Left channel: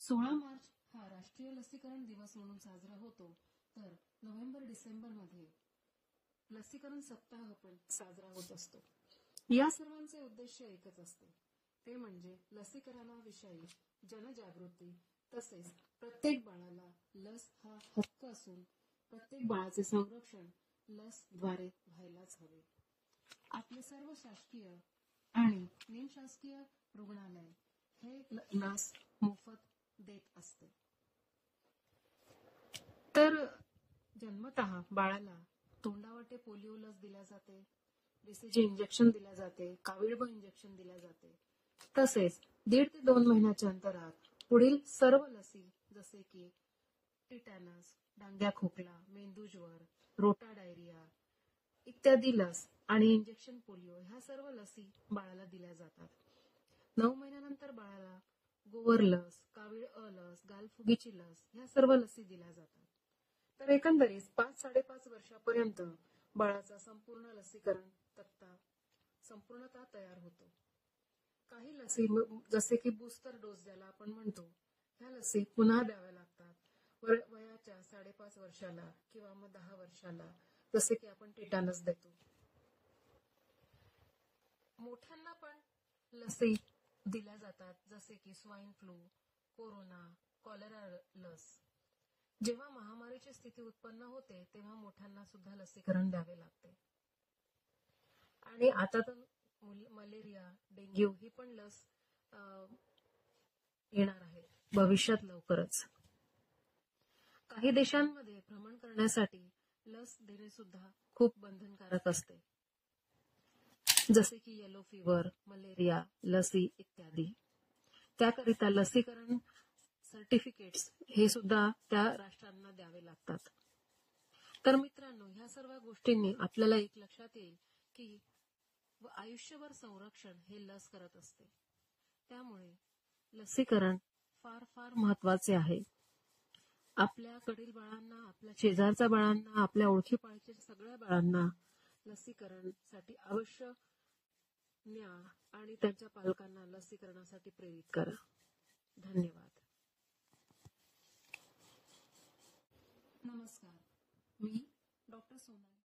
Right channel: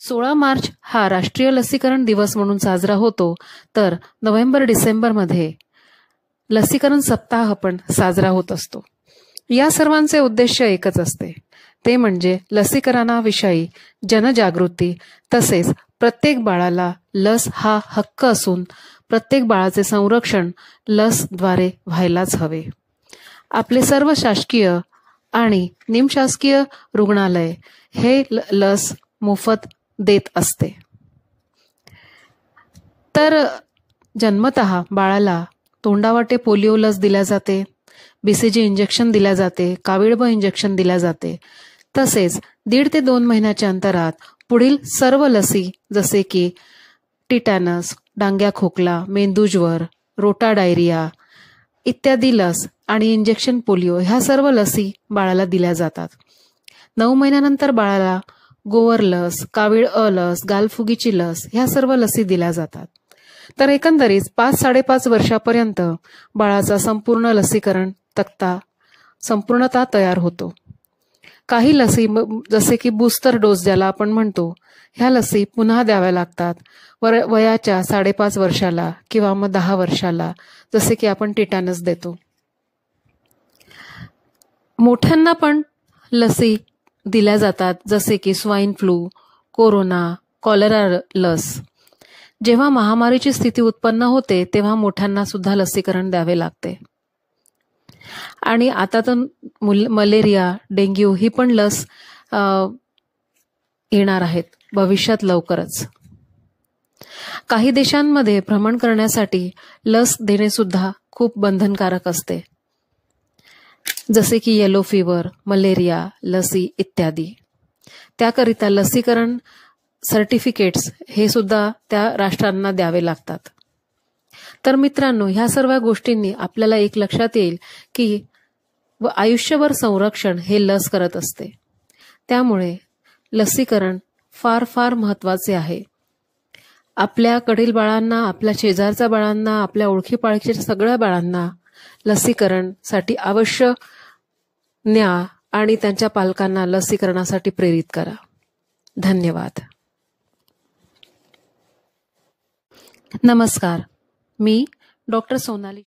16 मार्च हा राष्ट्रीय लसीकरण दिवस म्हणून साजरा होतो, तर नोव्हेंबर-डिसेंबरमध्ये लसीकरण सप्ताह पण साजरा होत असतो. या सर्वांचे उद्देश एकच असते, ते म्हणजे लसीकरणाविषयी जनजागृती, तसेच प्रत्येक बाळाला लस हा हक्क असून प्रत्येक बाळाचे संरक्षण लसद्वारे व्हायलाच हवे. आपले सर्व शासकीय आणि निमशासकीय रुग्णालय हे लस मोफत देत असते. तर जन्मतः बाळाला तोंडावाटे पोलिओ लस दिल्या जाते, BCG इंजेक्शन दिल्या जाते, कावीळब इंजेक्शन दिल्या जाते. तसेच 1.5 ते 2 महिन्याच्या अंतरात पुढील सर्व लसी जसे की टिटॅनस, डांग्या खोकला, मेंदूज्वर, रोटा डायरिया इत्यादी लस आणि इंजेक्शन पोलिओ ह्या सर्व लसी बाळाला दिल्या जातात. 9 महिन्यानंतर बाळाला गोवर लस, कावीळ लस, गालफुगीची लस ह्या सर्व लसी दिल्या जातात. तर एकंदरीत 5-5.5 वर्षापर्यंत बाळाचा संपूर्ण लसीकरण तक्ता संपूर्णतः तयार होतो. काही लसी जसे की बूस्टर डोस ज्याला आपण म्हणतो, ह्या लसी पुन्हा द्याव्या लागतात वयाच्या 5.5 वर्षाला किंवा मग 10 वर्षाला, जसे की आपण टिटॅनस देतो. मोठ्यांना पण लसी दिल्या जातात, जसे की स्वाईन फ्लू, कोरोना, कॉलरा लस. जेव्हा महामारीची स्थिती उत्पन्न होते तेव्हा मोठ्यांना सुद्धा लसीकरण द्यावे लागते. आणि आता तर मलेरिया, डेंग्यू ही पण लस येणार आहेत भविष्यात लवकरच. काही देशांमध्ये भ्रमण करण्यासाठी लस देणे सुद्धा खूप बंधनकारक असते, जसे की येलो फीवर, मलेरिया लसी इत्यादी. त्याकरिता लसीकरण सर्टिफिकेट्स हे सुद्धा त्या राष्ट्रांना द्यावे लागतात. तर मित्रांनो, ह्या सर्व गोष्टींनी आपल्याला एक लक्षात येईल की आयुष्यभर संरक्षण हे लस करत असते. त्यामुळे लसीकरण फार फार महत्वाचे आहे. आपल्याकडील बाळांना, आपल्या शेजारच्या बाळांना, आपल्या ओळखीपाळखीच्या सगळ्या बाळांना लसीकरणसाठी अवश्य न्या आणि त्यांच्या पालकांना लसीकरणासाठी प्रेरित करा. धन्यवाद. नमस्कार, मी डॉक्टर सोनाली.